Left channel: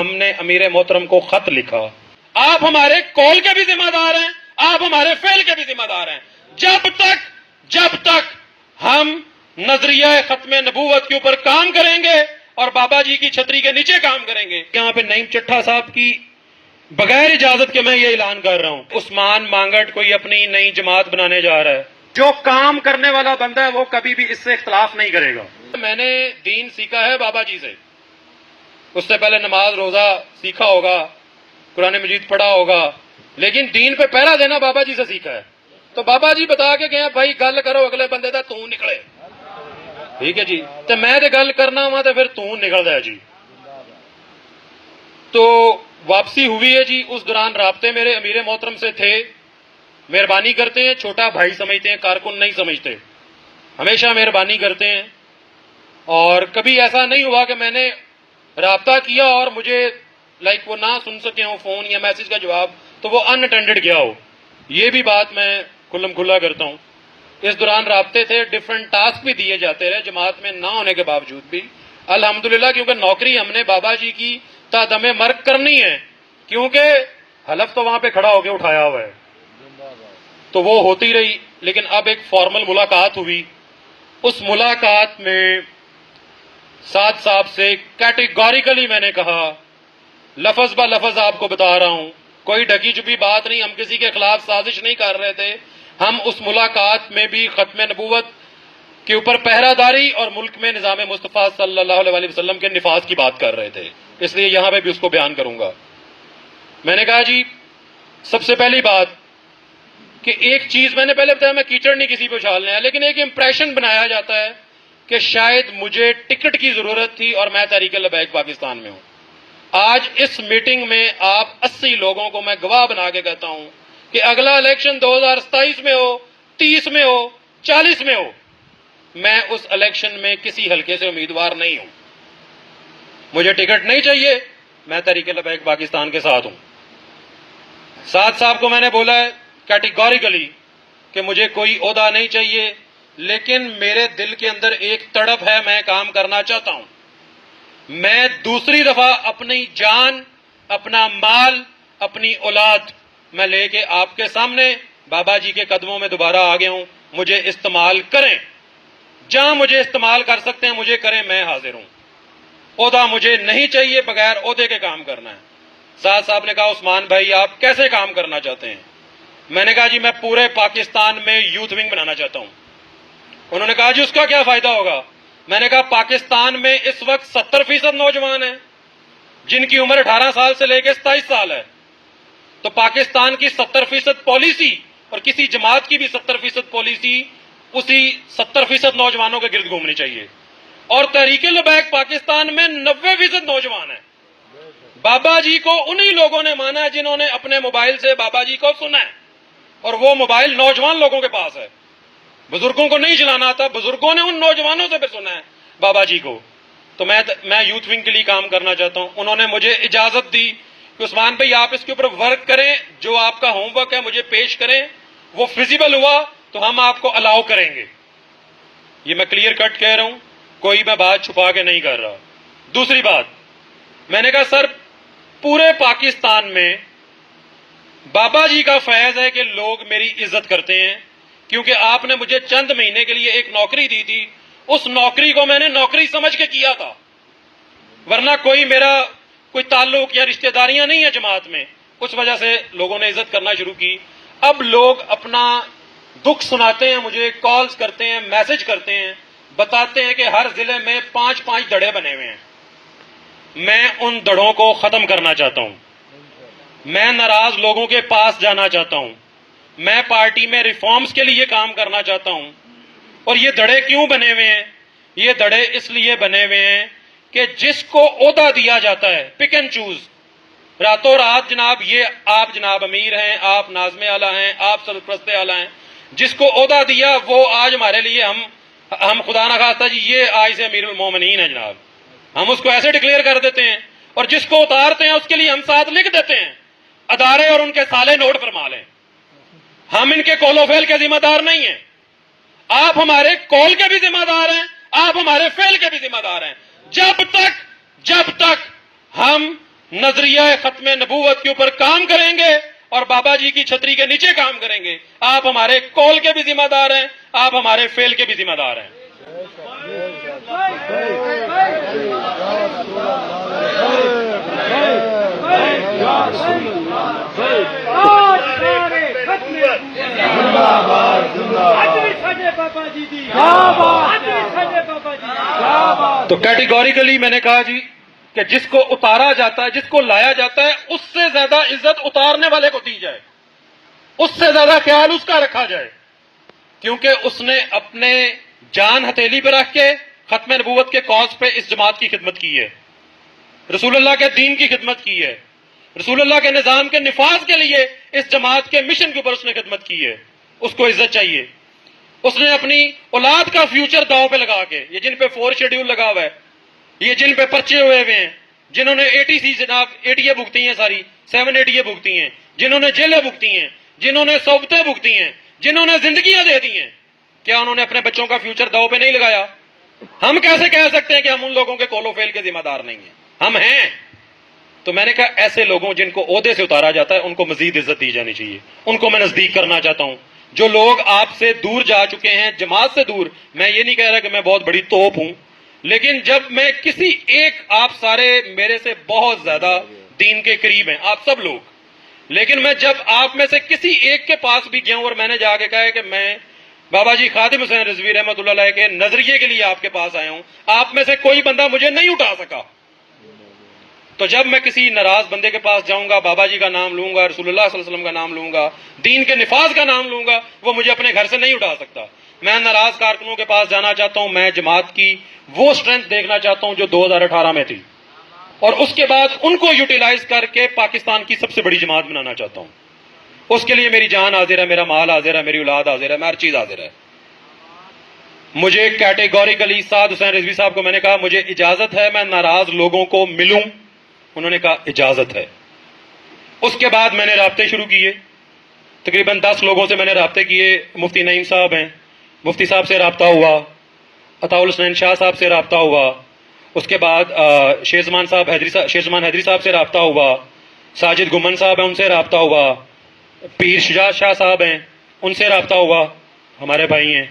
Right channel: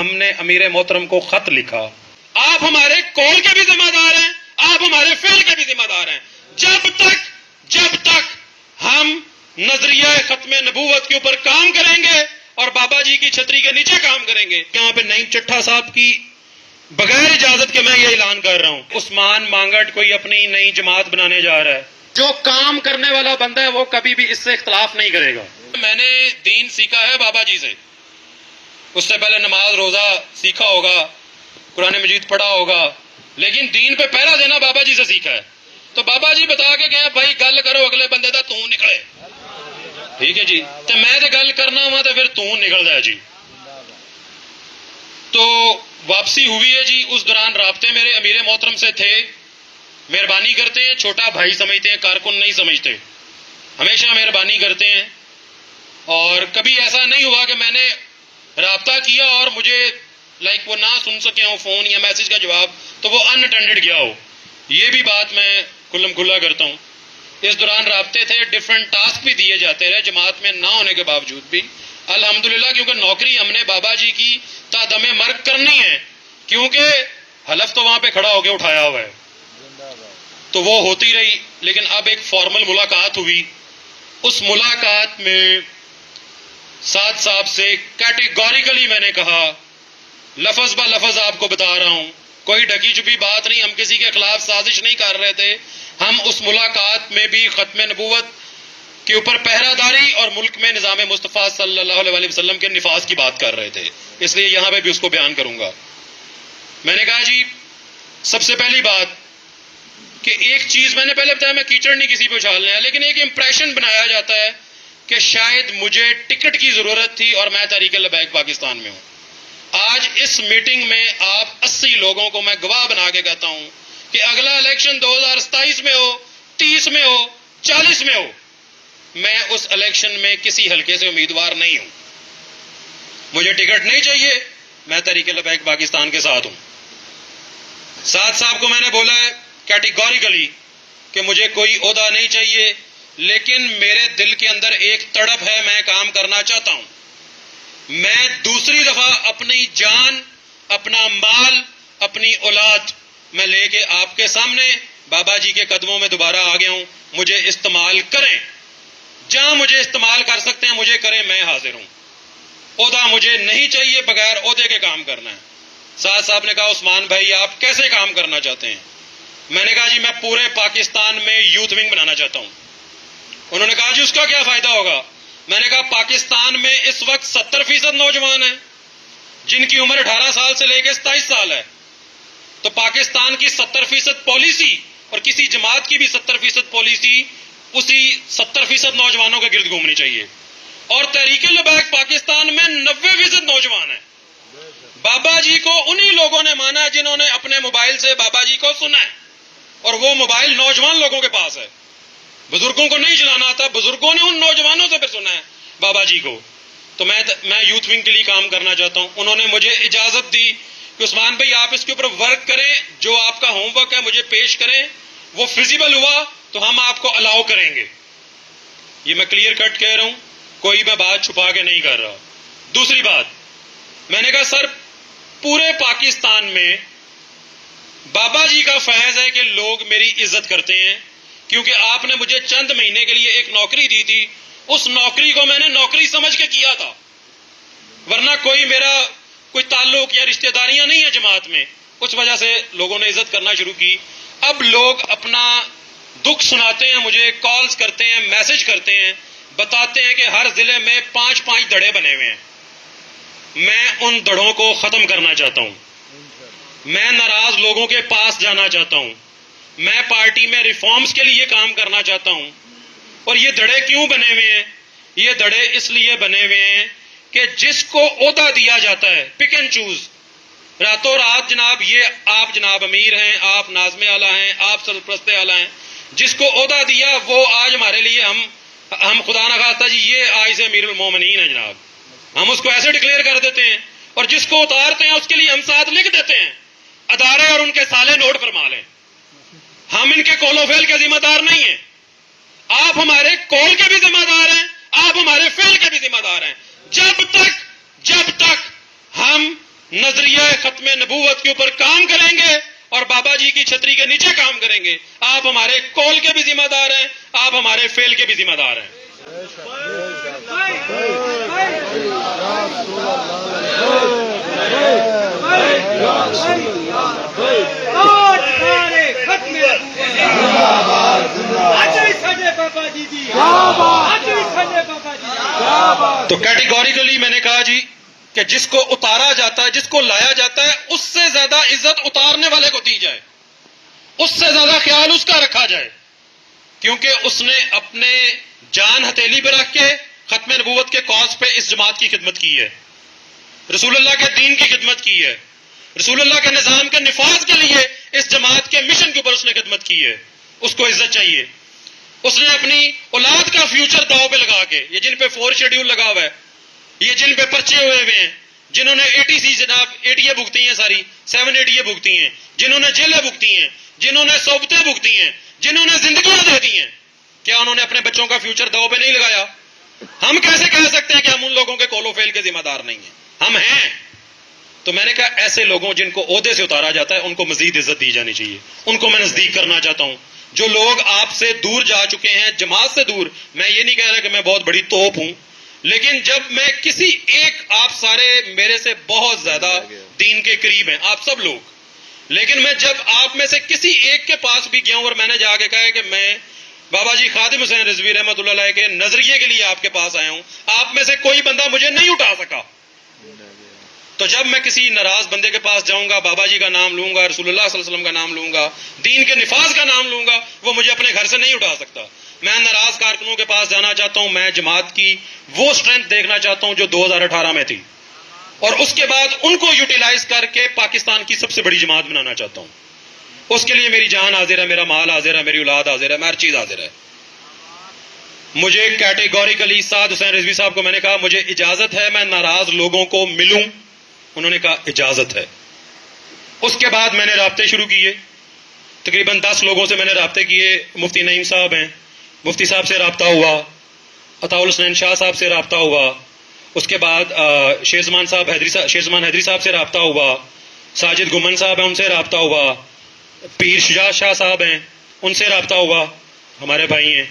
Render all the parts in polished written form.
ہم نے امیر محترم کو خط لکھا، آپ ہمارے کال کے بھی ذمہ دار ہیں، آپ ہمارے فعل کے بھی ذمہ دار ہیں۔ جب تک ہم نظریہ ختم نبوت کے اوپر کام کریں گے اور بابا جی کی چھتری کے نیچے کام کریں گے۔ یہاں پہ نعیم چٹھا صاحب کی بغیر اجازت کے میں یہ اعلان کر رہا ہوں، عثمان مانگٹ کوئی اپنی نئی جماعت بنانے جا رہا ہے۔ جو کام کرنے والا بندہ ہے وہ کبھی بھی اس سے اختلاف نہیں کرے گا۔ میں نے دین سیکھا ہے بابا جی سے، اس سے پہلے نماز روزہ سیکھا ہوگا، قرآن مجید پڑھا ہوگا، لیکن دین پہ پہرا دینا بابا جی سے سیکھا ہے۔ تو بابا جی بتا کے گئے بھائی گل کرو اگلے بندے دا تو نکلے، ٹھیک ہے جی، تو میں تے گل کرنا وا تو پھر تو نکل جائے جی۔ تو واپسی ہوئی ہے جی، اس دوران رابطے میرے امیر محترم سے تھے، مہربانی کرتے ہیں، چھوٹا بھائی سمجھتے ہیں، کارکن نہیں سمجھتے، ہمیشہ مہربانی کرتے ہیں، اور کبھی ایسا نہیں ہوا کہ میں نے رابطہ کیا اور مجھے وہ نہ سن سکے ہوں فون یا میسج کا جواب تو وہ ان اٹینڈڈ گیا ہو، یہ بھی بات میں کھلم کھلا کرتا ہوں۔ اس دوران رابطے تھے، ڈیفرنٹ ٹاسک بھی دیے جاتے رہے جماعت میں نہ ہونے کے باوجود بھی، الحمدللہ، کیونکہ نوکری ہم نے بابا جی کی تا دم مرگ کرنی ہے، کیونکہ حلف تو وہاں پہ کھڑا ہو کے اٹھایا ہوا ہے، تو وہ ہوتی رہی۔ لیکن اب ایک فارمل ملاقات ہوئی، اس ملاقات میں سعد صاحب سے کیٹیگوریکلی میں نے کہا، لفظ با لفظ آپ کو بتا رہا ہوں، کوئی ڈھکی چھپی بات نہیں، ہم کسی کے خلاف سازش نہیں کر رہے تھے، ہم اس ملاقات میں بھی ختم نبوت کے اوپر پہرہ داری اور ملک میں نظام مصطفیٰ صلی اللہ علیہ وسلم کے نفاذ کی بات کر رہے تھے، اس لیے یہاں پہ بھی اس کو بیان کروں گا۔ میں نے کہا جی سب سے پہلی بات کہ ایک چیز میں نے پہلے بتایا، میں کیچڑ نہیں کسی پہ اچھالنا ہے، لیکن ایک امپریشن بنایا جاتا ہے کہ شاید مجھے ٹکٹ کی ضرورت تھی اور میں تحریک لبیک پاکستان میں ہوں۔ آج اس میٹنگ میں آپ 80 لوگوں کو میں گواہ بنا کے کہتا ہوں کہ اگلا الیکشن 2027 میں ہو، 30 میں ہو، 40 میں ہو، میں اس الیکشن میں کسی حلقے سے امیدوار نہیں ہوں، مجھے ٹکٹ نہیں چاہیے، میں تحریک لبیک پاکستان کے ساتھ ہوں۔ سعد صاحب کو میں نے بولا ہے کیٹیگوریکلی کہ مجھے کوئی عہدہ نہیں چاہیے، لیکن میرے دل کے اندر ایک تڑپ ہے، میں کام کرنا چاہتا ہوں۔ میں دوسری دفعہ اپنی جان، اپنا مال، اپنی اولاد میں لے کے آپ کے سامنے بابا جی کے قدموں میں دوبارہ آ گیا ہوں، مجھے استعمال کریں، جہاں مجھے استعمال کر سکتے ہیں مجھے کریں، میں حاضر ہوں۔ عہدہ مجھے نہیں چاہیے، بغیر عہدے کے کام کرنا ہے۔ سعد صاحب نے کہا عثمان بھائی آپ کیسے کام کرنا چاہتے ہیں؟ میں نے کہا جی میں پورے پاکستان میں یوتھ ونگ بنانا چاہتا ہوں۔ انہوں نے کہا جی اس کا کیا فائدہ ہوگا؟ میں نے کہا پاکستان میں اس وقت 70% نوجوان ہیں جن کی عمر 18 سال سے لے کے 27 سال ہے، تو پاکستان کی 70% پالیسی اور کسی جماعت کی بھی 70% پالیسی اسی 70% نوجوانوں کے گرد گھومنی چاہیے، اور تحریک لبیک پاکستان میں 90% نوجوان ہیں۔ بابا جی کو انہی لوگوں نے مانا ہے جنہوں نے اپنے موبائل سے بابا جی کو سنا ہے، اور وہ موبائل نوجوان لوگوں کے پاس ہے، بزرگوں کو نہیں چلانا آتا، بزرگوں نے ان نوجوانوں سے پھر سنا ہے بابا جی کو۔ تو میں یوتھ ونگ کے لیے کام کرنا چاہتا ہوں۔ انہوں نے مجھے اجازت دی کہ عثمان بھائی آپ اس کے اوپر ورک کریں، جو آپ کا ہوم ورک ہے مجھے پیش کریں، وہ فیزیبل ہوا تو ہم آپ کو الاؤ کریں گے۔ یہ میں کلیئر کٹ کہہ رہا ہوں، کوئی میں بات چھپا کے نہیں کر رہا۔ دوسری بات، میں نے کہا سر پورے پاکستان میں بابا جی کا فیض ہے کہ لوگ میری عزت کرتے ہیں، کیونکہ آپ نے مجھے چند مہینے کے لیے ایک نوکری دی تھی، اس نوکری کو میں نے نوکری سمجھ کے کیا تھا، ورنہ میرا کوئی تعلق یا رشتہ داریاں نہیں ہیں جماعت میں، اس وجہ سے لوگوں نے عزت کرنا شروع کی۔ اب لوگ اپنا دکھ سناتے ہیں، مجھے کالز کرتے ہیں، میسج کرتے ہیں، بتاتے ہیں کہ ہر ضلع میں 5 دڑے بنے ہوئے ہیں۔ میں ان دڑوں کو ختم کرنا چاہتا ہوں، میں ناراض لوگوں کے پاس جانا چاہتا ہوں، میں پارٹی میں ریفارمز کے لیے کام کرنا چاہتا ہوں۔ اور یہ دڑے کیوں بنے ہوئے ہیں؟ یہ دڑے اس لیے بنے ہوئے ہیں کہ جس کو عہدہ دیا جاتا ہے پک اینڈ چوز، راتوں رات جناب یہ آپ جناب امیر ہیں، آپ ناظم اعلیٰ ہیں، آپ سرپرست اعلیٰ ہیں، جس کو عہدہ دیا وہ آج ہمارے لیے ہم خدا نہ خواستہ جی یہ آج سے امیر المومنین ہے جناب، ہم اس کو ایسے ڈکلیئر کر دیتے ہیں، اور جس کو اتارتے ہیں اس کے لیے ہم ساتھ لکھ دیتے ہیں ادارے اور ان کے سالے نوٹ فرما لیں، ہم ان کے کول و فعل کے ذمہ دار نہیں ہیں، آپ ہمارے کال کے بھی ذمہ دار ہیں، آپ ہمارے فعل کے بھی ذمہ دار ہیں۔ جب تک ہم نظریہ ختم نبوت کے اوپر کام کریں گے اور بابا جی کی چھتری کے نیچے کام کریں گے. آپ ہمارے قول کے بھی ذمہ دار ہیں, آپ ہمارے فعل کے بھی ذمہ دار ہیں. تو کیٹیگوریکلی میں نے کہا جی کہ جس کو اتارا جاتا ہے, جس کو لایا جاتا ہے, اس سے زیادہ عزت اتارنے والے کو دی جائے, اس سے زیادہ خیال اس کا رکھا جائے, کیونکہ اس نے اپنے جان ہتھیلی پہ رکھ کے ختم نبوت کے کاز پہ اس جماعت کی خدمت کی ہے, رسول اللہ کے دین کی خدمت کی ہے, رسول اللہ کے نظام کے نفاذ کے لیے اس جماعت کے مشن کے اوپر اس نے خدمت کی ہے. اس کو عزت چاہیے. اس نے اپنی اولاد کا فیوچر داؤ پہ لگا کے, یہ جن پہ 4 شیڈیول لگا ہوا ہے, یہ جن پہ پرچے ہوئے ہیں, جنہوں نے ATC جناب ATA بھگتی ہیں, ساری 7 ATA بھگتی ہیں, جنہوں نے جیلیں بھگتی ہیں, جنہوں نے صوبتیں بھگتی ہیں, جنہوں نے زندگیاں دے دی ہیں, کیا انہوں نے اپنے بچوں کا فیوچر داؤ پہ نہیں لگایا؟ ہم کیسے کہہ سکتے ہیں کہ ہم ان لوگوں کے قول و فعل کے ذمہ دار نہیں ہیں؟ ہم ہیں. تو میں نے کہا ایسے لوگوں جن کو عہدے سے اتارا جاتا ہے ان کو مزید عزت دی جانی چاہیے, ان کو میں نزدیک کرنا چاہتا ہوں. جو لوگ آپ سے دور جا چکے ہیں, جماعت سے دور, میں یہ نہیں کہہ رہا کہ میں بہت بڑی توپ ہوں, لیکن جب میں کسی ایک, آپ سارے میرے سے بہت زیادہ دین کے قریب ہیں آپ سب لوگ, لیکن میں جب آپ میں سے کسی ایک کے پاس بھی گیا ہوں اور میں نے جا کے کہا ہے کہ میں بابا جی خادم حسین رضوی رحمۃ اللہ علیہ کے نظریے کے لیے آپ کے پاس آیا ہوں, آپ میں سے کوئی بندہ مجھے نہیں اٹھا سکا. تو جب میں کسی ناراض بندے کے پاس جاؤں گا, بابا جی کا نام لوں گا, رسول اللہ صلی اللہ علیہ وسلم کا نام لوں گا, دین کے نفاذ کا نام لوں گا, وہ مجھے اپنے گھر سے نہیں اٹھا سکتا. میں ناراض کارکنوں کے پاس جانا چاہتا ہوں, میں جماعت کی وہ اسٹرینتھ دیکھنا چاہتا ہوں جو 2018 میں تھی, اور اس کے بعد ان کو یوٹیلائز کر کے پاکستان کی سب سے بڑی جماعت بنانا چاہتا ہوں. اس کے لیے میری جان حاضر ہے, میرا مال حاضر ہے, میری اولاد حاضر ہے, ہر چیز حاضر ہے. مجھے کیٹیگوریکلی سعد حسین رضوی صاحب کو میں نے کہا مجھے اجازت ہے میں ناراض لوگوں کو ملوں, انہوں نے کہا اجازت ہے. اس کے بعد میں نے رابطے شروع کیے, تقریباً 10 لوگوں سے میں نے رابطے کیے. مفتی نعیم صاحب ہیں, مفتی صاحب سے رابطہ ہوا, عطاء الحسنین شاہ صاحب سے رابطہ ہوا, اس کے بعد شیر زمان حیدری صاحب سے رابطہ ہوا, ساجد گمن صاحب ہیں ان سے رابطہ ہوا, پیر شجاع شاہ صاحب ہیں ان سے رابطہ ہوا, ہمارے بھائی ہیں,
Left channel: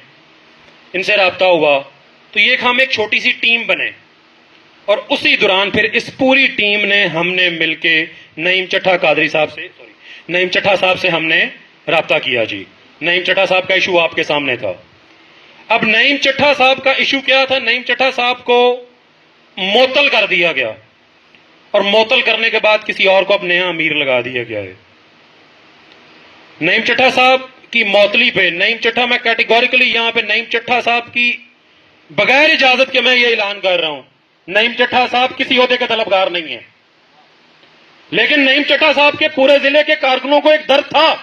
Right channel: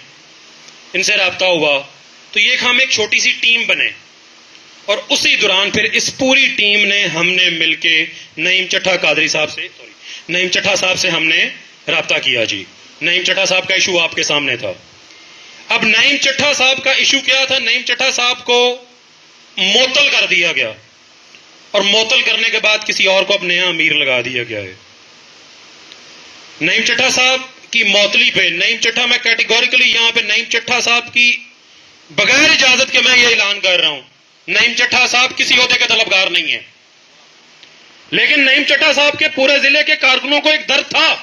ان سے رابطہ ہوا. تو یہ ہم ایک چھوٹی سی ٹیم بنے, اور اسی دوران پھر اس پوری ٹیم نے ہم نے مل کے نعیم چٹھا صاحب سے ہم نے رابطہ کیا. جی نعیم چٹھا صاحب کا ایشو آپ کے سامنے تھا. اب نعیم چٹھا صاحب کا ایشو کیا تھا؟ نعیم چٹھا صاحب کو معطل کر دیا گیا, اور معطل کرنے کے بعد کسی اور کو اب نیا امیر لگا دیا گیا ہے. نعیم چٹھا صاحب کی معطلی پہ, نعیم چٹھا, میں کیٹیگوریکلی یہاں پہ نعیم چٹھا صاحب کی بغیر اجازت کے میں یہ اعلان کر رہا ہوں, نعیم چٹھا صاحب کسی عہدے کے طلبگار نہیں ہیں, لیکن نعیم چٹھا صاحب کے پورے ضلع کے کارکنوں کو ایک درد تھا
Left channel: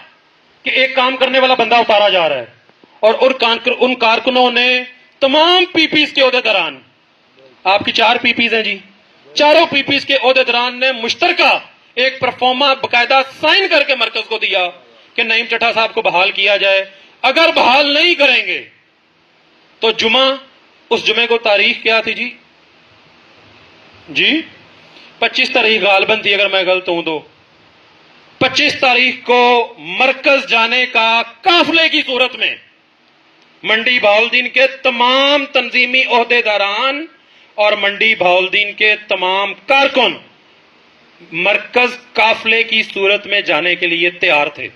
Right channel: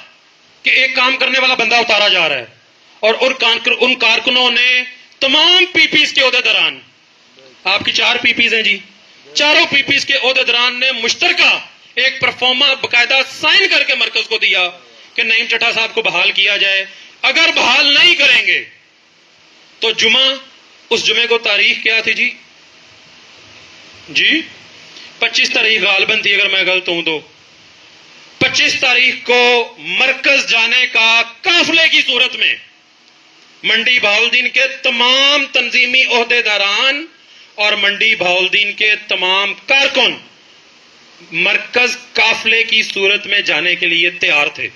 کہ ایک کام کرنے والا بندہ اتارا جا رہا ہے, اور ان کارکنوں نے تمام پی پیز کے عہدیداران, آپ کی 4 پی پیز ہیں جی, چاروں پی پیز کے عہدیداران نے مشترکہ ایک پرفارما باقاعدہ سائن کر کے مرکز کو دیا کہ نعیم چٹھا صاحب کو بحال کیا جائے. اگر بحال نہیں کریں گے تو اس جمعے کو تاریخ کیا تھی جی 25 تاریخ غالباً تھی, اگر میں غلط ہوں تو 25 تاریخ کو مرکز جانے کا قافلے کی صورت میں منڈی بہاؤالدین کے تمام تنظیمی عہدیداران اور منڈی بہاؤالدین کے تمام کارکن مرکز قافلے کی صورت میں جانے کے لیے تیار تھے.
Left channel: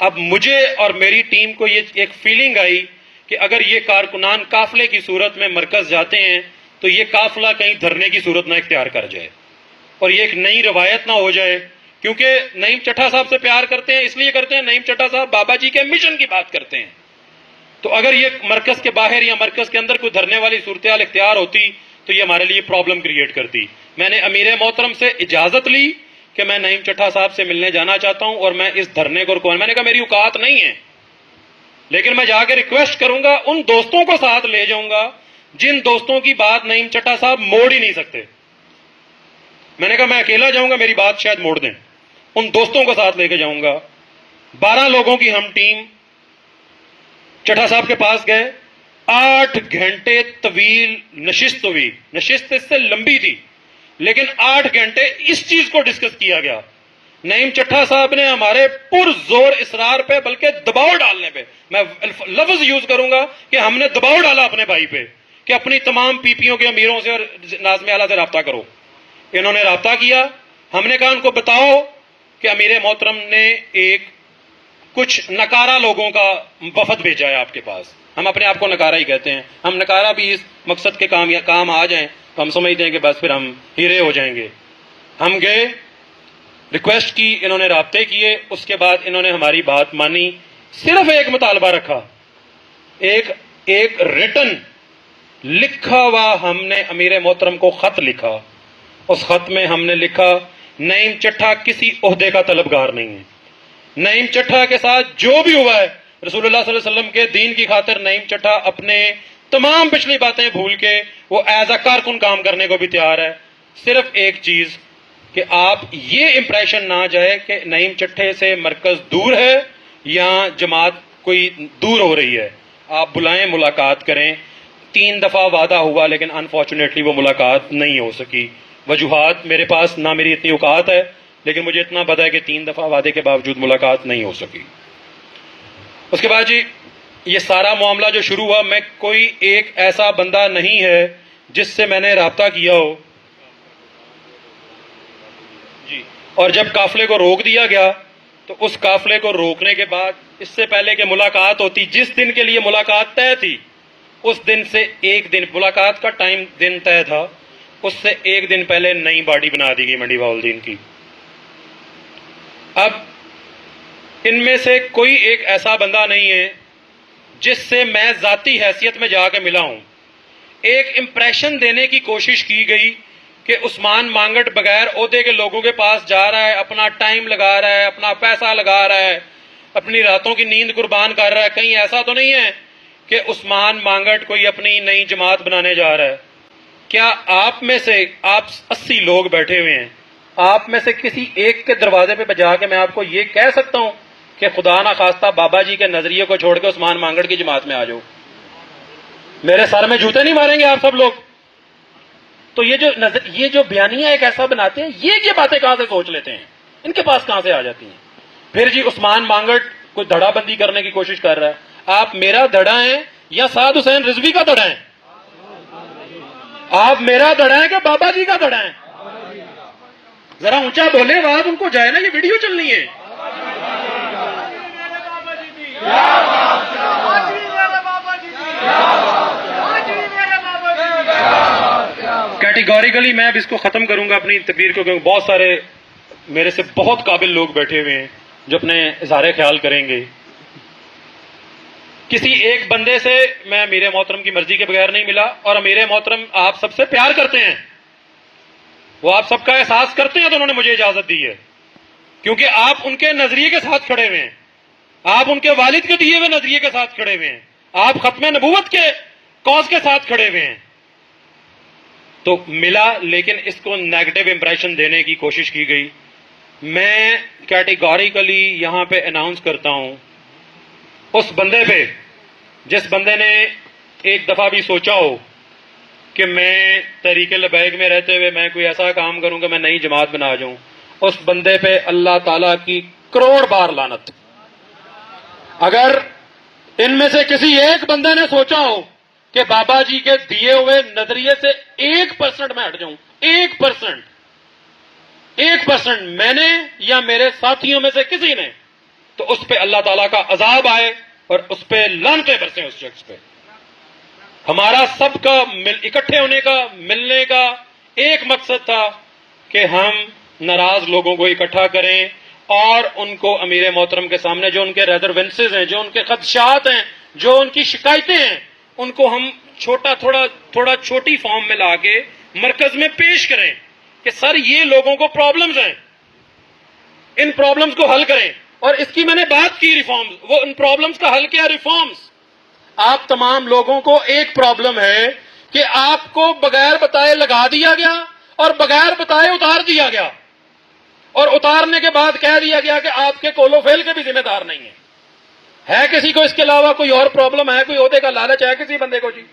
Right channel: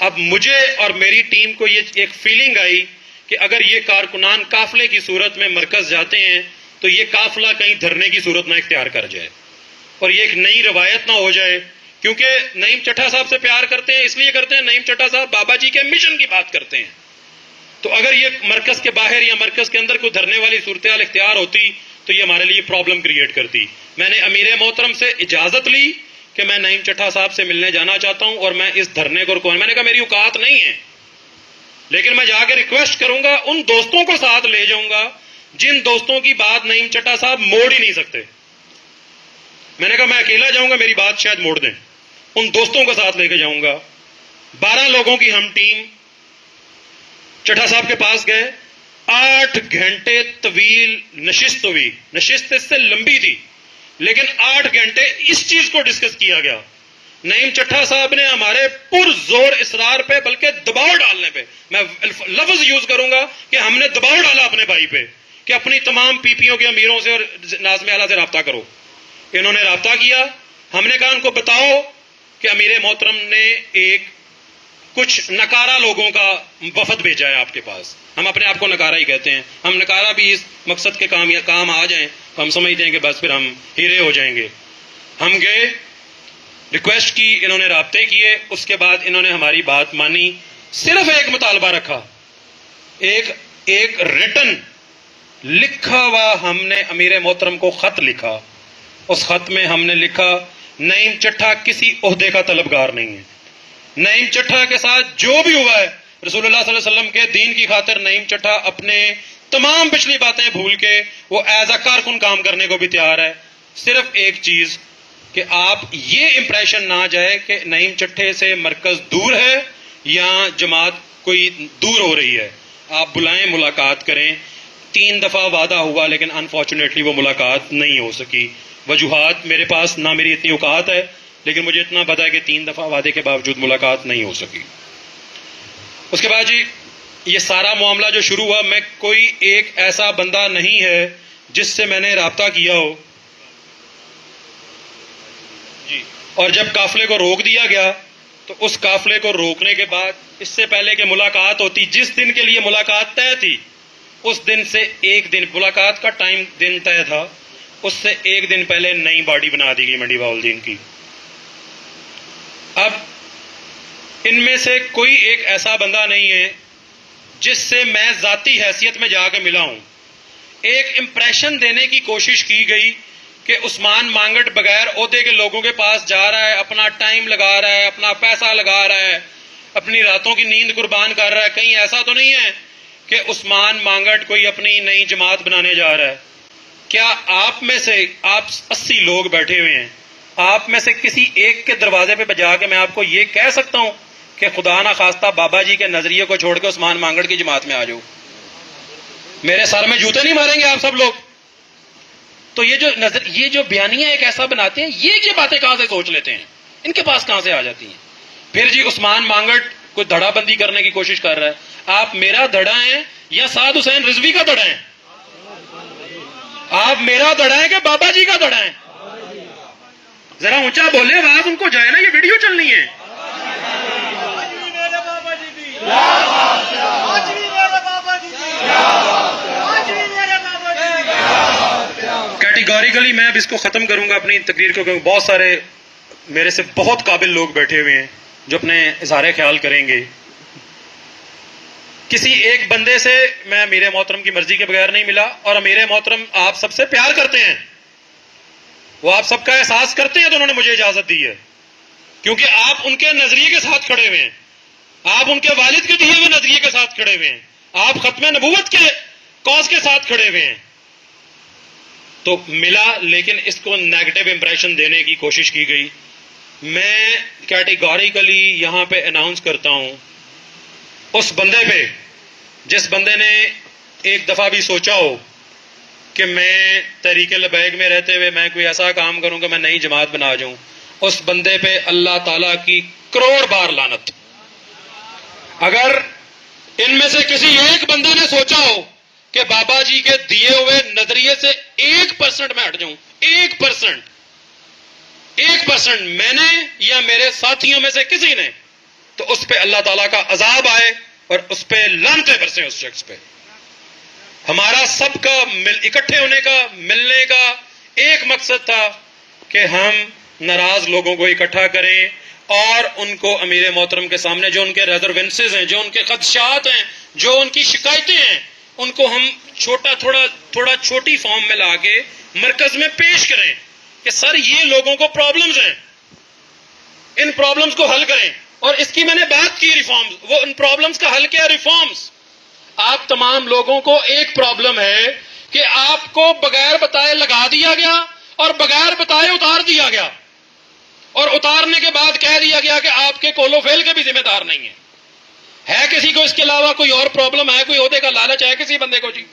اب مجھے اور میری ٹیم کو یہ ایک فیلنگ آئی کہ اگر یہ کارکنان قافلے کی صورت میں مرکز جاتے ہیں تو یہ قافلہ کہیں دھرنے کی صورت نہ اختیار کر جائے اور یہ ایک نئی روایت نہ ہو جائے, کیونکہ نعیم چٹھا صاحب سے پیار کرتے ہیں, اس لیے کرتے ہیں نعیم چٹھا صاحب بابا جی کے مشن کی بات کرتے ہیں. تو اگر یہ مرکز کے باہر یا مرکز کے اندر کوئی دھرنے والی صورتحال اختیار ہوتی تو یہ ہمارے لیے پرابلم کریٹ کرتی. میں نے امیر محترم سے اجازت لی کہ میں نعیم چٹھا صاحب سے ملنے جانا چاہتا ہوں اور میں اس دھرنے کو رکواؤں. میں نے کہا میری اوقات نہیں ہے, لیکن میں جا کے ریکویسٹ کروں گا, ان دوستوں کو ساتھ لے جاؤں گا جن دوستوں کی بات نعیم چٹھا صاحب موڑ ہی نہیں سکتے. میں نے کہا میں اکیلا جاؤں گا, میری بات شاید موڑ دیں, ان دوستوں کو ساتھ لے کے جاؤں گا. 12 لوگوں کی ہم ٹیم چٹھا صاحب کے پاس گئے. 8 گھنٹے طویل نشست ہوئی, نشست اس سے لمبی تھی, لیکن 8 گھنٹے اس چیز کو ڈسکس کیا گیا. نعیم چٹھا صاحب نے ہمارے پرزور اصرار پہ بلکہ دباؤ ڈالنے پہ, میں لفظ یوز کروں گا کہ ہم نے دباؤ ڈالا اپنے بھائی پہ کہ اپنی تمام پی پیوں کے امیروں سے اور ناظم اعلیٰ سے رابطہ کرو. انہوں نے رابطہ کیا. ہم نے کہا ان کو بتاؤ کہ امیر محترم نے ایک کچھ نکارا لوگوں کا وفد بھیجا ہے آپ کے پاس. ہم اپنے آپ کو نکارا ہی کہتے ہیں. ہم نکارا بھی اس مقصد کے کام آ جائیں تو ہم سمجھتے ہیں کہ بس پھر ہم ہیرے ہو جائیں گے. ہم گئے, ریکویسٹ کی, انہوں نے رابطے کیے. اس کے بعد انہوں نے ہماری بات مانی. صرف ایک مطالبہ رکھا, ایک ریٹن لکھا ہوا ہم نے امیر محترم کو خط لکھا. اس خط میں ہم نے لکھا نعیم چٹھا کسی عہدے کا طلبگار نہیں ہے. نعیم چٹھا کے ساتھ جو بھی ہوا ہے رسول اللہ صلی اللہ علیہ وسلم کے دین کی خاطر نعیم چٹھا اپنے تمام پچھلی باتیں بھول کے وہ ایز اے کارکن کام کرنے کو بھی تیار ہے. صرف ایک چیز کہ آپ یہ امپریشن نہ جائے کہ نعیم چٹھے سے مرکز دور ہے یا جماعت کوئی دور ہو رہی ہے. آپ بلائیں, ملاقات کریں. 3 دفعہ وعدہ ہوا لیکن انفارچونیٹلی وہ ملاقات نہیں ہو سکی. وجوہات میرے پاس نہ میری اتنی اوقات ہے, لیکن مجھے اتنا پتا ہے کہ 3 دفعہ وعدے کے باوجود ملاقات نہیں ہو سکی. اس کے بعد جی یہ سارا معاملہ جو شروع ہوا, میں کوئی ایک ایسا بندہ نہیں ہے جس سے میں نے رابطہ کیا ہو جی. اور جب قافلے کو روک دیا گیا تو اس قافلے کو روکنے کے بعد اس سے پہلے کہ ملاقات ہوتی, جس دن کے لیے ملاقات طے تھی اس دن سے ایک دن, ملاقات کا ٹائم دن طے تھا, اس سے ایک دن پہلے نئی باڈی بنا دی گئی منڈی بہاؤالدین کی. اب ان میں سے کوئی ایک ایسا بندہ نہیں ہے جس سے میں ذاتی حیثیت میں جا کے ملا ہوں. ایک امپریشن دینے کی کوشش کی گئی کہ عثمان مانگٹ بغیر عہدے کے لوگوں کے پاس جا رہا ہے, اپنا ٹائم لگا رہا ہے, اپنا پیسہ لگا رہا ہے, اپنی راتوں کی نیند قربان کر رہا ہے. کہیں ایسا تو نہیں ہے کہ عثمان مانگٹ کوئی اپنی نئی جماعت بنانے جا رہا ہے. کیا آپ میں سے, آپ 80 لوگ بیٹھے ہوئے ہیں, آپ میں سے کسی ایک کے دروازے پہ بجا کے میں آپ کو یہ کہہ سکتا ہوں کہ خدا نہ خواستہ بابا جی کے نظریے کو چھوڑ کے عثمان مانگٹ کی جماعت میں آ جاؤ؟ میرے سر میں جوتے نہیں ماریں گے آپ سب لوگ؟ تو یہ جو بیانیہ ایک ایسا بناتے ہیں, یہ باتیں کہاں سے سوچ لیتے ہیں, ان کے پاس کہاں سے آ جاتی ہیں؟ پھر جی عثمان مانگٹ کوئی دھڑا بندی کرنے کی کوشش کر رہا ہے. آپ میرا دھڑا ہیں یا سعد حسین رضوی کا دھڑا ہیں؟ آپ میرا دھڑا ہیں کہ بابا جی کا دھڑا ہیں؟ ذرا اونچا بولے, آواز ان کو جائے نا, یہ ویڈیو چلنی ہے. کیٹیگوریکلی میں اب اس کو ختم کروں گا اپنی تقریر کو, کیونکہ بہت سارے میرے سے بہت قابل لوگ بیٹھے ہوئے ہیں جو اپنے اظہار خیال کریں گے. کسی ایک بندے سے میں امیر محترم کی مرضی کے بغیر نہیں ملا, اور امیر محترم آپ سب سے پیار کرتے ہیں, وہ آپ سب کا احساس کرتے ہیں, تو انہوں نے مجھے اجازت دی ہے کیونکہ آپ ان کے نظریے کے ساتھ کھڑے ہوئے ہیں, آپ ان کے والد کے دیے ہوئے نظریے کے ساتھ کھڑے ہوئے ہیں, آپ ختم نبوت کے کاز کے ساتھ کھڑے ہوئے ہیں. تو ملا, لیکن اس کو نیگیٹو امپریشن دینے کی کوشش کی گئی. میں کیٹیگوریکلی یہاں پہ اناؤنس کرتا ہوں اس بندے پہ جس بندے نے ایک دفعہ بھی سوچا ہو کہ میں تحریک لبیک میں رہتے ہوئے میں کوئی ایسا کام کروں کہ میں نئی جماعت بنا جاؤں, اس بندے پہ اللہ تعالیٰ کی کروڑ بار لعنت. اگر ان میں سے کسی ایک بندے نے سوچا ہو کہ بابا جی کے دیے ہوئے نظریے سے 1% میں ہٹ جاؤں, 1% میں نے یا میرے ساتھیوں میں سے کسی نے, تو اس پہ اللہ تعالیٰ کا عذاب آئے اور اس پہ لعنتیں برسیں اس شخص پہ. ہمارا سب کا اکٹھے ہونے کا, ملنے کا ایک مقصد تھا کہ ہم ناراض لوگوں کو اکٹھا کریں اور ان کو امیر محترم کے سامنے جو ان کے ریزروینسز ہیں, جو ان کے خدشات ہیں, جو ان کی شکایتیں ہیں, ان کو ہم تھوڑا چھوٹی فارم میں لا کے مرکز میں پیش کریں کہ سر یہ لوگوں کو پرابلمز ہیں, ان پرابلمز کو حل کریں. اور اس کی میں نے بات کی ریفارمز, وہ ان پرابلمز کا حل کیا ریفارمز. آپ تمام لوگوں کو ایک پرابلم ہے کہ آپ کو بغیر بتائے لگا دیا گیا اور بغیر بتائے اتار دیا گیا, اور اتارنے کے بعد کہہ دیا گیا کہ آپ کے کولو فیل کے بھی ذمہ دار نہیں ہیں. ہے کسی کو اس کے علاوہ کوئی اور پرابلم ہے, کوئی عہدے کا لالچ ہے کسی بندے کو؟ جی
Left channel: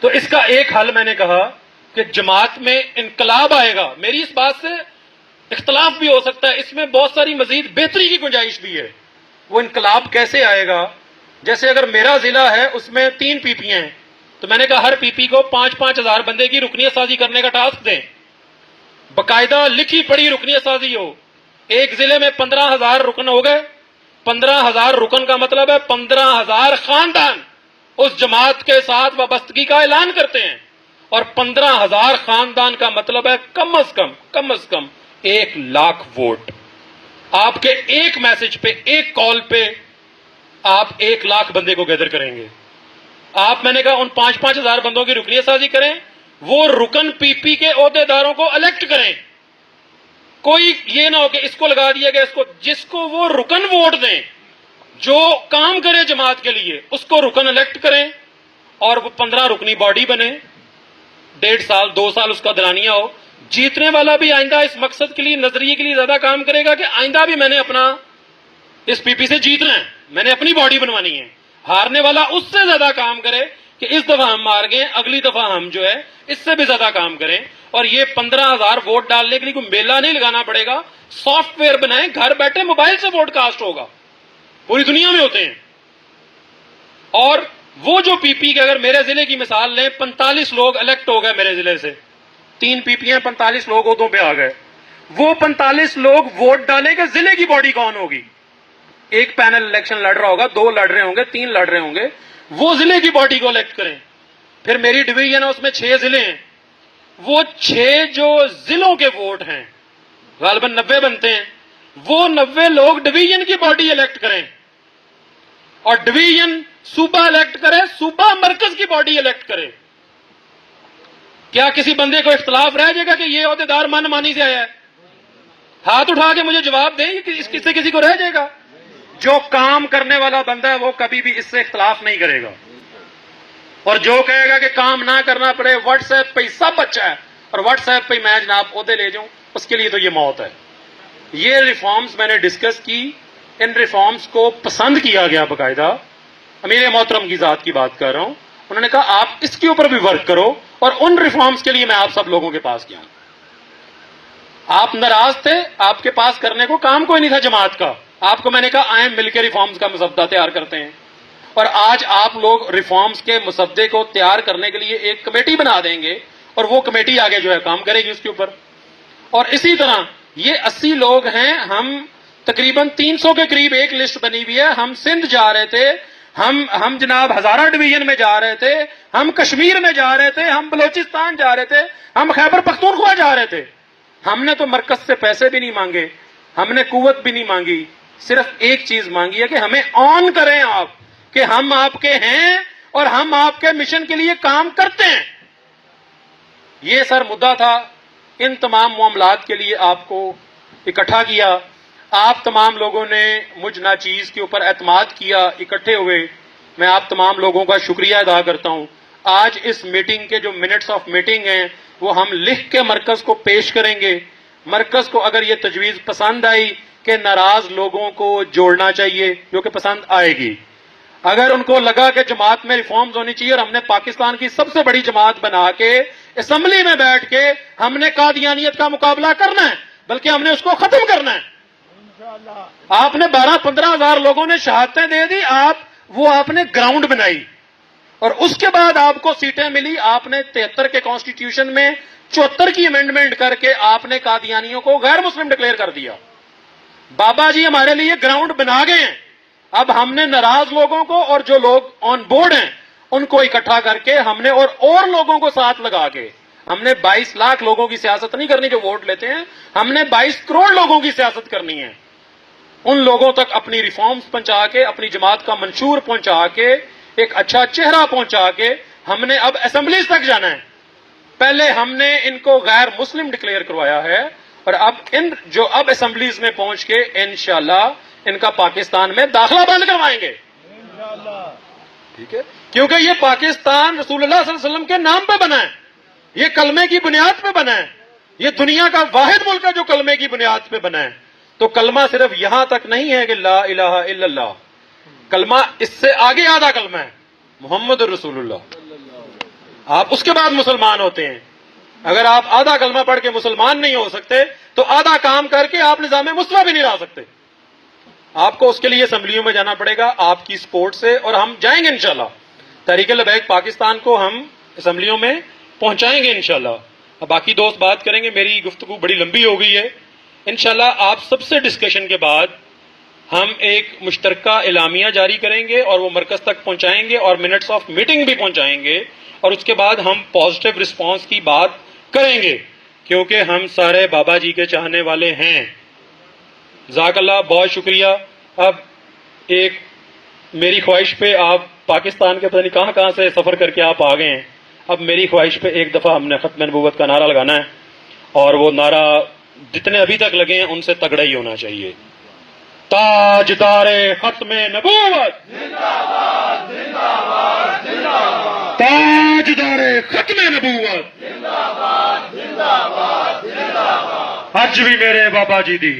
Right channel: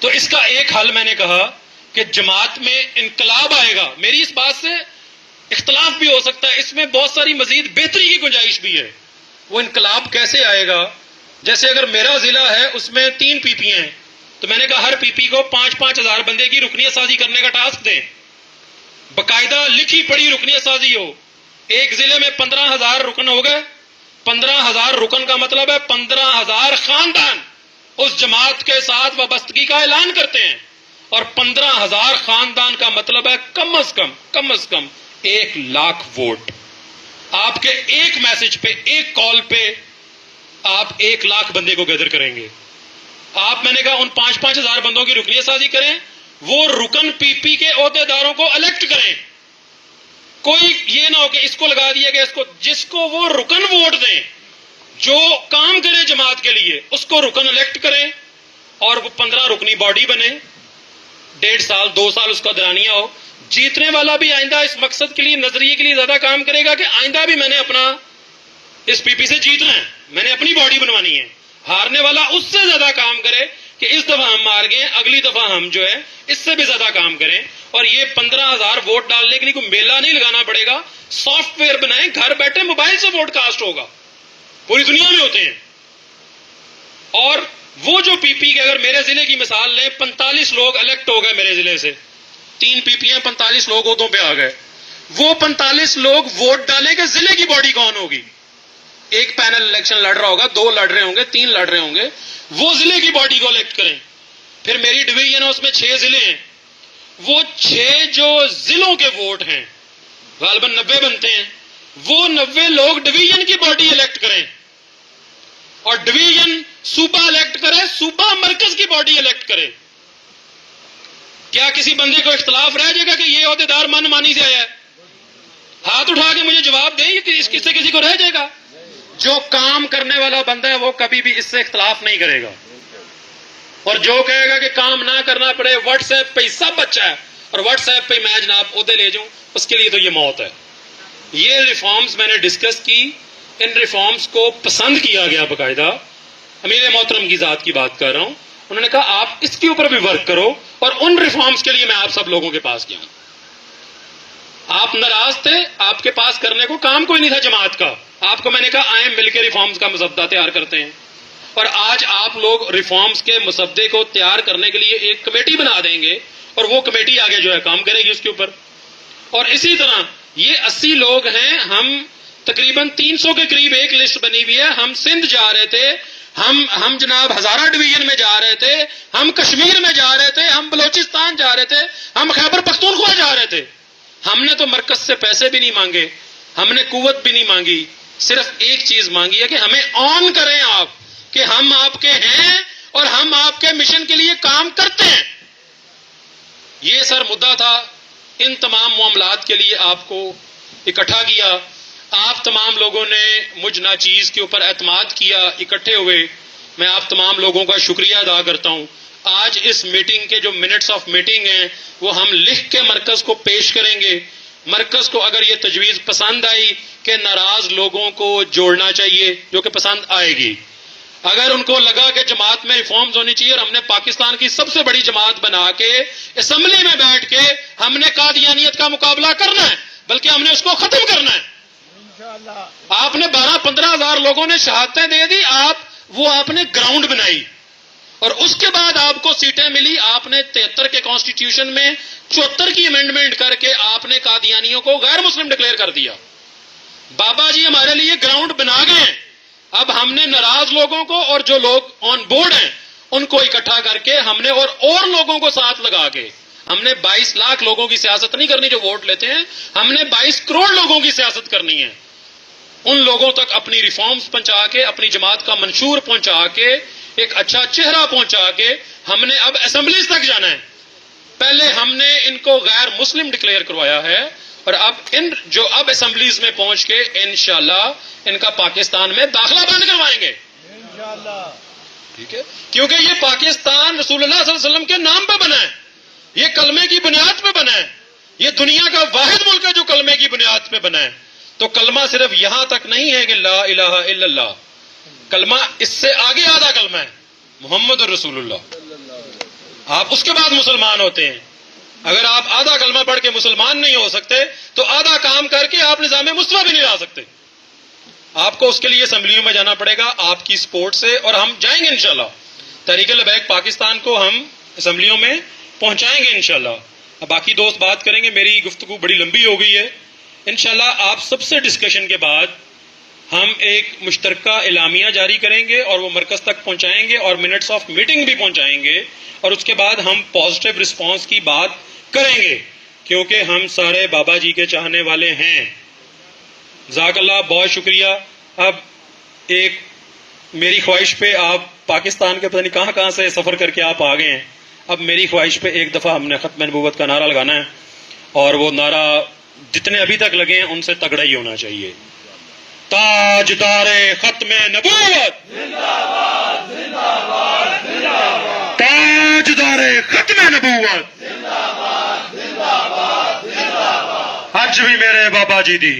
تو اس کا ایک حل میں نے کہا کہ جماعت میں انقلاب آئے گا، میری اس بات سے اختلاف بھی ہو سکتا ہے، اس میں بہت ساری مزید بہتری کی گنجائش بھی ہے۔ وہ انقلاب کیسے آئے گا؟ جیسے اگر میرا ضلع ہے اس میں 3 پی پی ہیں، تو میں نے کہا ہر پی پی کو 5-5 ہزار بندے کی رکنیت سازی کرنے کا ٹاسک دیں، باقاعدہ لکھی پڑھی رکنیت سازی ہو۔ ایک ضلع میں 15,000 رکن ہو گئے، 15,000 رکن کا مطلب ہے 15,000 خاندان اس جماعت کے ساتھ وابستگی کا اعلان کرتے ہیں، اور 15,000 خاندان کا مطلب ہے کم از کم 1,00,000 ووٹ۔ آپ کے ایک میسج پہ، ایک کال پہ آپ 1,00,000 بندے کو گیدر کریں گے۔ آپ، میں نے کہا ان 5-5 ہزار بندوں کی رکنیت سازی کریں، وہ رکن پی پی کے عہدے داروں کو الیکٹ کریں۔ کوئی یہ نہ ہو کہ اس کو لگا دیا گیا، اس کو، جس کو وہ رکن ووٹ دیں، جو کام کرے جماعت کے لیے، اس کو رکن الیکٹ کریں، اور وہ 15 رکنی باڈی بنے، 1.5 سال 2 سال اس کا دورانیہ ہو۔ جیتنے والا بھی آئندہ اس مقصد کے لیے، نظریے کے لیے زیادہ کام کرے گا کہ آئندہ بھی میں نے اپنا اس پی پی سے جیتنا ہے، میں نے اپنی باڈی بنوانی ہے۔ ہارنے والا اس سے زیادہ کام کرے کہ اس دفعہ ہم مار گئے، اگلی دفعہ ہم جو ہے اس سے بھی زیادہ کام کریں۔ اور یہ 15,000 ووٹ ڈالنے کے لیے کوئی میلہ نہیں لگانا پڑے گا، سافٹ ویئر بنائیں، گھر بیٹھے موبائل سے ووٹ کاسٹ ہوگا، پوری دنیا میں ہوتے ہیں۔ اور وہ جو پی پی کے، اگر میرے ضلع کی مثال لیں، 45 لوگ الیکٹ ہو گئے میرے ضلع سے، 3 پی پی ہیں، 45 لوگ عہدوں پہ آ گئے، وہ 45 لوگ ووٹ ڈالیں کہ ضلع کی باڈی کون ہوگی۔ ایک پینل الیکشن لڑ رہا ہوگا، 2 لڑ رہے ہوں گے، 3 لڑ رہے ہوں گے، وہ ضلع کی باڈی کو الیکٹ کریں۔ پھر میری ڈویژن ہے، اس میں 6 ضلع ہیں، وہ 6 جو ضلعوں کے ووٹ ہیں، غالباً 90 بنتے ہیں، وہ 90 لوگ ڈویژن کی باڈی الیکٹ کریں، اور ڈویژن صوبہ الیکٹ کرے، صوبہ مرکز کی باڈی الیکٹ کرے۔ کیا کسی بندے کو اختلاف رہ جائے گا کہ یہ عہدیدار من مانی سے آیا ہے؟ ہاتھ اٹھا کے مجھے جواب دیں کہ اس سے کسی کو رہ جائے گا؟ جو کام کرنے والا بندہ ہے وہ کبھی بھی اس سے اختلاف نہیں کرے گا، اور جو کہے گا کہ کام نہ کرنا پڑے، واٹس ایپ پہ ہی سب اچھا ہے، اور واٹس ایپ پہ ہی میں جناب عہدے لے جاؤں، اس کے لیے تو یہ موت ہے۔ یہ ریفارمز میں نے ڈسکس کی، ان ریفارمز کو پسند کیا گیا، باقاعدہ امیر محترم کی ذات کی بات کر رہا ہوں، انہوں نے کہا آپ اس کے اوپر بھی ورک کرو، اور ان ریفارمز کے لیے میں آپ سب لوگوں کے پاس گیا ہوں۔ آپ ناراض تھے، آپ کے پاس کرنے کو کام کوئی نہیں تھا جماعت کا، آپ کو میں نے کہا آئیں مل کے ریفارمز کا مسودہ تیار کرتے ہیں، اور آج آپ لوگ ریفارمز کے مسودے کو تیار کرنے کے لیے ایک کمیٹی بنا دیں گے، اور وہ کمیٹی آگے جو ہے کام کرے گی اس کے اوپر۔ اور اسی طرح یہ 80 لوگ ہیں، ہم تقریباً 300 کے قریب ایک لسٹ بنی ہوئی ہے، ہم سندھ جا رہے تھے، ہم جناب ہزارہ ڈویژن میں جا رہے تھے، ہم کشمیر میں جا رہے تھے، ہم بلوچستان جا رہے تھے، ہم خیبر پختونخوا جا رہے تھے۔ ہم نے تو مرکز سے پیسے بھی نہیں مانگے، ہم نے قوت بھی نہیں مانگی، صرف ایک چیز مانگی ہے کہ ہمیں آن کریں آپ، کہ ہم آپ کے ہیں اور ہم آپ کے مشن کے لیے کام کرتے ہیں۔ یہ سر مدعا تھا، ان تمام معاملات کے لیے آپ کو اکٹھا کیا، آپ تمام لوگوں نے مجھ ناچیز کے اوپر اعتماد کیا، اکٹھے ہوئے، میں آپ تمام لوگوں کا شکریہ ادا کرتا ہوں۔ آج اس میٹنگ کے جو منٹس آف میٹنگ ہیں وہ ہم لکھ کے مرکز کو پیش کریں گے۔ مرکز کو اگر یہ تجویز پسند آئی کہ ناراض لوگوں کو جوڑنا چاہیے، جو کہ پسند آئے گی، اگر ان کو لگا کہ جماعت میں ریفارمز ہونی چاہیے اور ہم نے پاکستان کی سب سے بڑی جماعت بنا کے اسمبلی میں بیٹھ کے ہم نے قادیانیت کا مقابلہ کرنا ہے، بلکہ ہم نے اس کو ختم کرنا ہے۔ آپ نے 12-15 ہزار لوگوں نے شہادتیں دے دی، آپ نے گراؤنڈ بنائی، اور اس کے بعد آپ کو سیٹیں ملی، آپ نے 73 کے کانسٹیٹیوشن میں 74 کی امینڈمنٹ کر کے آپ نے قادیانیوں کو غیر مسلم ڈکلیئر کر دیا۔ بابا جی ہمارے لیے گراؤنڈ بنا گئے ہیں، اب ہم نے ناراض لوگوں کو اور جو لوگ آن بورڈ ہیں ان کو اکٹھا کر کے ہم نے اور لوگوں کو ساتھ لگا کے، ہم نے 22 لاکھ لوگوں کی سیاست نہیں کرنی جو ووٹ لیتے ہیں، ہم نے 22 کروڑ لوگوں کی سیاست کرنی ہے۔ ان لوگوں تک اپنی ریفارمز پہنچا کے، اپنی جماعت کا منشور پہنچا کے، ایک اچھا چہرہ پہنچا کے ہم نے اب اسمبلیز تک جانا ہے۔ پہلے ہم نے ان کو غیر مسلم ڈکلیئر کروایا ہے، اور اب اسمبلیز میں پہنچ کے انشاءاللہ ان کا پاکستان میں داخلہ بند کروائیں گے، ٹھیک ہے؟ کیونکہ یہ پاکستان رسول اللہ صلی اللہ علیہ وسلم کے نام پہ بنا ہے، یہ کلمے کی بنیاد پہ بنا ہے، یہ دنیا کا واحد ملک ہے جو کلمے کی بنیاد پہ بنا ہے۔ تو کلمہ صرف یہاں تک نہیں ہے کہ لا الہ الا اللہ، کلمہ اس سے آگے آدھا کلمہ ہے، محمد رسول اللہ۔ آپ اس کے بعد مسلمان ہوتے ہیں۔ اگر آپ آدھا کلمہ پڑھ کے مسلمان نہیں ہو سکتے تو آدھا کام کر کے آپ نظام مصطفیٰ بھی نہیں لا سکتے. آپ کو اس کے لیے اسمبلیوں میں جانا پڑے گا آپ کی سپورٹ سے, اور ہم جائیں گے انشاءاللہ. تحریک لبیک پاکستان کو ہم اسمبلیوں میں پہنچائیں گے انشاءاللہ. اب باقی دوست بات کریں گے, میری گفتگو بڑی لمبی ہو گئی ہے. انشاءاللہ آپ سب سے ڈسکشن کے بعد ہم ایک مشترکہ اعلامیہ جاری کریں گے اور وہ مرکز تک پہنچائیں گے اور منٹس آف میٹنگ بھی پہنچائیں گے, اور اس کے بعد ہم پازیٹیو رسپانس کی بات کریں گے کیونکہ ہم سارے بابا جی کے چاہنے والے ہیں. جزاک اللہ, بہت شکریہ. اب ایک میری خواہش پہ, آپ پاکستان کے پتہ نہیں کہاں کہاں سے سفر کر کے آپ آ گئے ہیں, اب میری خواہش پہ ایک دفعہ ہم نے ختم نبوت کا نعرہ لگانا ہے, اور وہ نعرہ جتنے ابھی تک لگے ہیں ان سے تگڑا ہی ہونا چاہیے. تاجدار ختم نبوت زندہ باد, زندہ باد, زندہ باد. تاجدار ختم نبوت زندہ باد, زندہ باد, زندہ باد. حج بھی میرے بابا جی دی.